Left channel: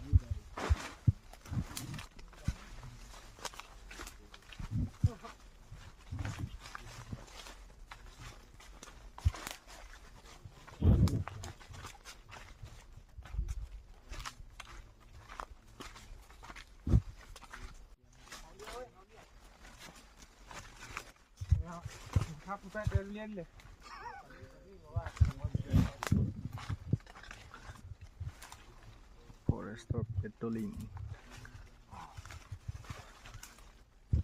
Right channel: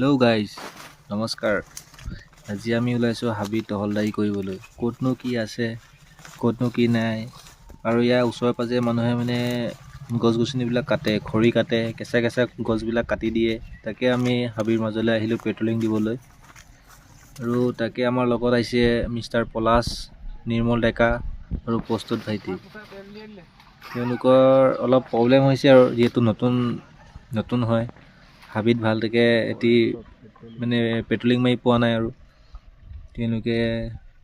Hello' guys, নমস্কাৰ। আজি আমি ওলাইছোঁ হাবি টহলদাৰী কৰিবলৈ। ক'তনো কি আছে, ক'তনো কি নাই, আৰু ইয়াৰ ওচৰে পাঁজৰে মানুহে গছ গছনিবিলাক কাটে, খৰি কাটে, কেঁচা কেঁচা গছবিলাক কাটি দিয়ে। তাকে আমি হাবিৰ মাজলৈ আহিলোঁ পেট্ৰলিং দিবলৈ। আৰু তাকে আমাৰ লগত আহিছে মিষ্টাৰ পলাশ, নিৰ্মল ডেকা আৰু প্ৰস্তুত ভাইটি। তেওঁলোকৰ অলপ প্ৰব্লেম হৈছে আৰু যিহেতু নতুন হয় হাবিত ভালকৈ এটি পেট্ৰলিং মাৰি পোৱা নাই। আৰু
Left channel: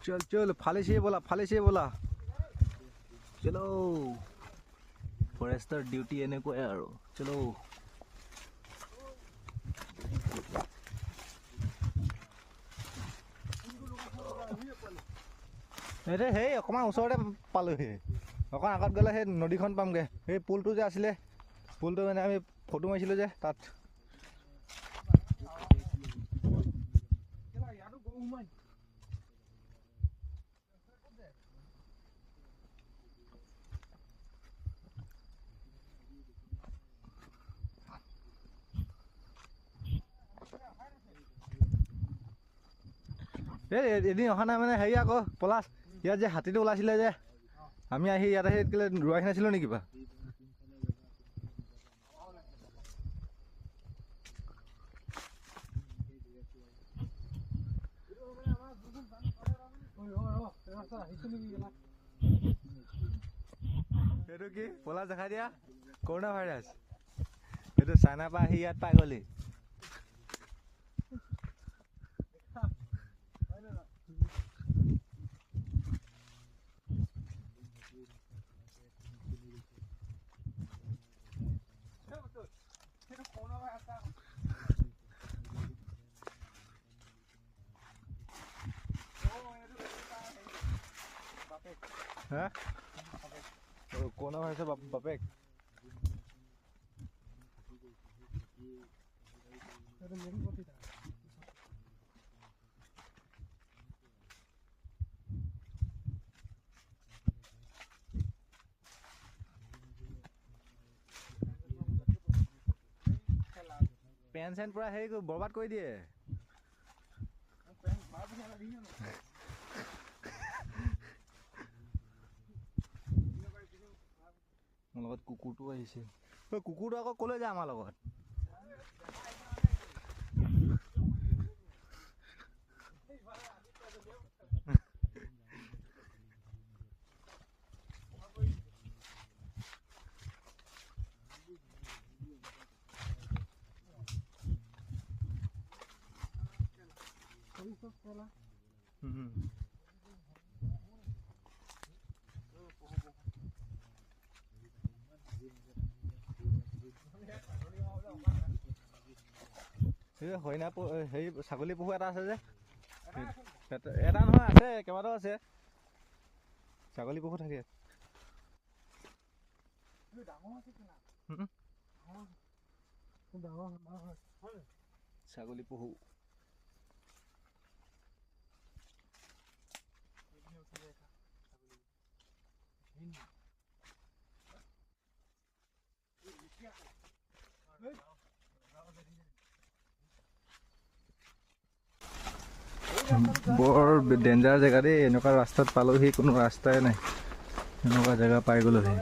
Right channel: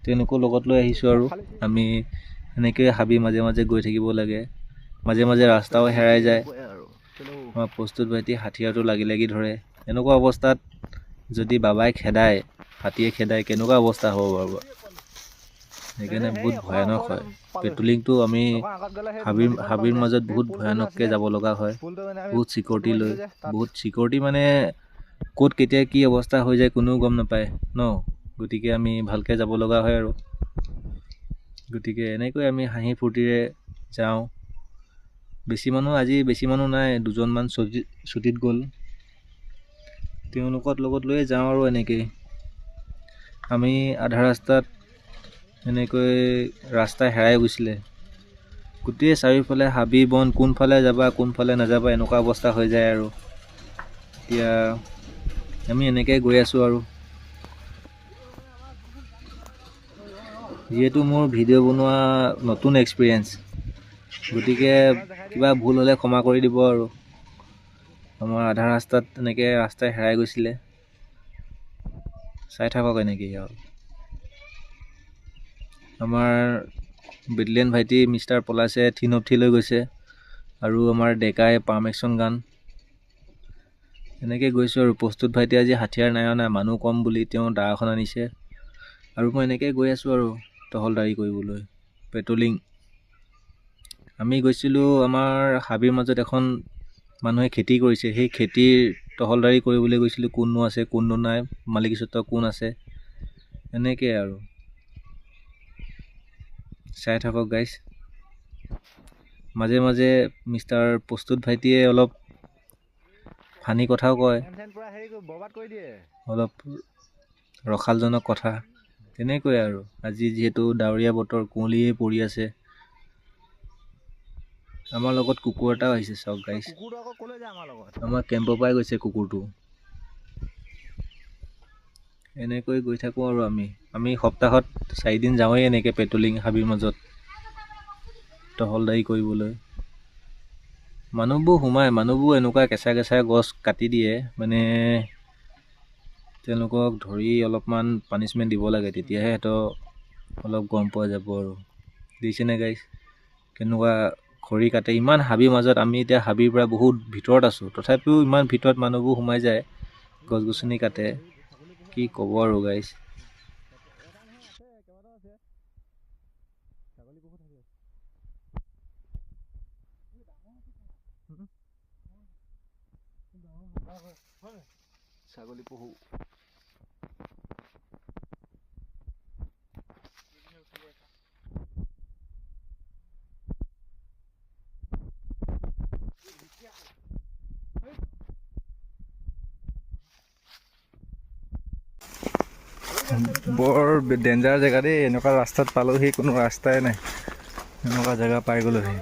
তেওঁলোকৰ লগত লৈ আহিছোঁ। আৰু আমি এনেকৈ হাবি মাজে মাজে গৈ থাকিব লাগে, মাজে মাজে ৰাস্তাও হেৰাই যায়। আমাৰ প্ৰস্তুত ভাইটি হাথিয়াৰটো লাগি ধৰে। এনেকুৱা অৱস্থাত যদি বাবাই খেদায়, হাতীয়ে খেদায়, কেনেকুৱা অৱস্থা হ'ব বাৰু। সেইকাৰণে বহুত ভয়ানক হয় পেট্ৰলিংটো। আমি হাবিৰ মাজত বহুত ভয়ানককৈ যাব লগা হয়, বহুত চিকিউৰিটি লৈ, বহুত চিকিউৰিটি ক'ত কেতিয়া কি অৱস্থা হৈ যায় কোনেও গম নাপায় ন। গতিকে আমি ভালকৈ যাব লগা হয়। আৰু গতিকে এনেকৈ আমি হাঁহি ফূৰ্তিৰে যাওঁ। আজি বেছি মানুহ নাই, দুজনমান ছুটীত গ'ল, তেওঁলোকৰ লগত লৈয়ে যাওঁ। আৰু এনেকৈ আমি আধা ৰাস্তাত এনেকৈ ৰাস্তা হেৰাই গৈছিলে। গোটেই চাৰিওফালে হাবি বন, কোনফালে যাবা কোনফালে নাযাবা এনেকুৱা অৱস্থা হৈ যায়। আৰু এতিয়া আমি এনেকৈ গৈ আছোঁ। আৰু যিহেতু মোৰ ভিডিঅ' বনোৱা নতুন এক্সপিৰিয়েঞ্চ, গতিকে কিবা ভুল হ'লে ক্ষমা কৰি দিব। আৰু আমাৰ আধা ৰাস্তাত এনেকৈ ৰাস্তাই হেৰাই গৈছিলে, চাই থাকক এনেকৈ। আৰু আমাৰ বেটেলিয়ান ভাইটি মিষ্টাৰ পলাশে থিনপথি লৈ গৈছে, আৰু আমাৰ ডেকাই পাৰ্মেকশ্যন গান। এনেকৈ গৈছোঁ। আৰু প্ৰস্তুত ভাইটি আজি হাথিয়াৰ নাই অনা, মানুহ কম বুলি তেওঁ দা এখন আনিছে। আৰু মই এনেকৈ গৈ আছোঁ আৰু টহলদাৰী কৰিবলৈ, পেট্ৰলিং। আমি গৈছিলোঁ আমাৰ হাবিৰ মাজত এখন মানুহে খেতি কৰিছে, সেই খেতিৰ টহলদাৰী কৰিবলৈ গৈছিলোঁ। কোননো আছে কোননো নাই, মালিকীস্বত্ব কোন আছে, এনেকৈ আৰু চাই থাকক গাইজ। মাজে মাজে মিষ্টাৰ প্ৰস্তুত ভাইটিয়ে অলপ ফানি কথাও কয়, অলপ ৰসালজনক কথা। তেনেকৈ আৰু আজি যিহেতু ডাৱৰীয়া বতৰ, কুঁৱলীয়ে পৰি আছে। আমাৰ লগত কুকুৰ এটাও আহিছে, চাওক গাইজ। আমাৰ কেম্পৰ পৰাই গৈছে কুকুৰটো। এনেকৈ গৈ থাকোঁ। আৰু আমি সপ্তাহত 4 দিন যাওঁৱেই এনেকৈ পেট্ৰলিং হাবিৰ মাজত টহলদাৰী কৰিবলৈ। মানুহবোৰ এনেকুৱা কেঁচা কেঁচা গছ কাটি দিয়ে, তেওঁলোকক ধৰি অলপমান পানিছমেণ্ট দিব লাগে, তেতিয়াহে সিহঁতক অলপ গম পোৱা যাব। আৰু দেখিছেনে গাইজ, কেনেকুৱা খৰি কাটে ইমান হাবিৰ মাজত। আমি এতিয়া হাবিৰ পৰা বহুত ভিতৰত আছোঁ, তথাপিও ইমান ভিতৰত মানুহবোৰ সোমাই যায়, গছ গছনি কাটে। কি ক'ব আৰু গাইজ। এটা নহয়, আছে কেইবাটাও আছে, ছাগলী পহু থাকে। ছাগলী পহু বৰ ডেঞ্জাৰ জেগা দেই। এনেকুৱা ৰাস্তাত পালোহি, কোনো ৰাস্তাই নাই, এনেকুৱা জেগা পাই গ'লোহি।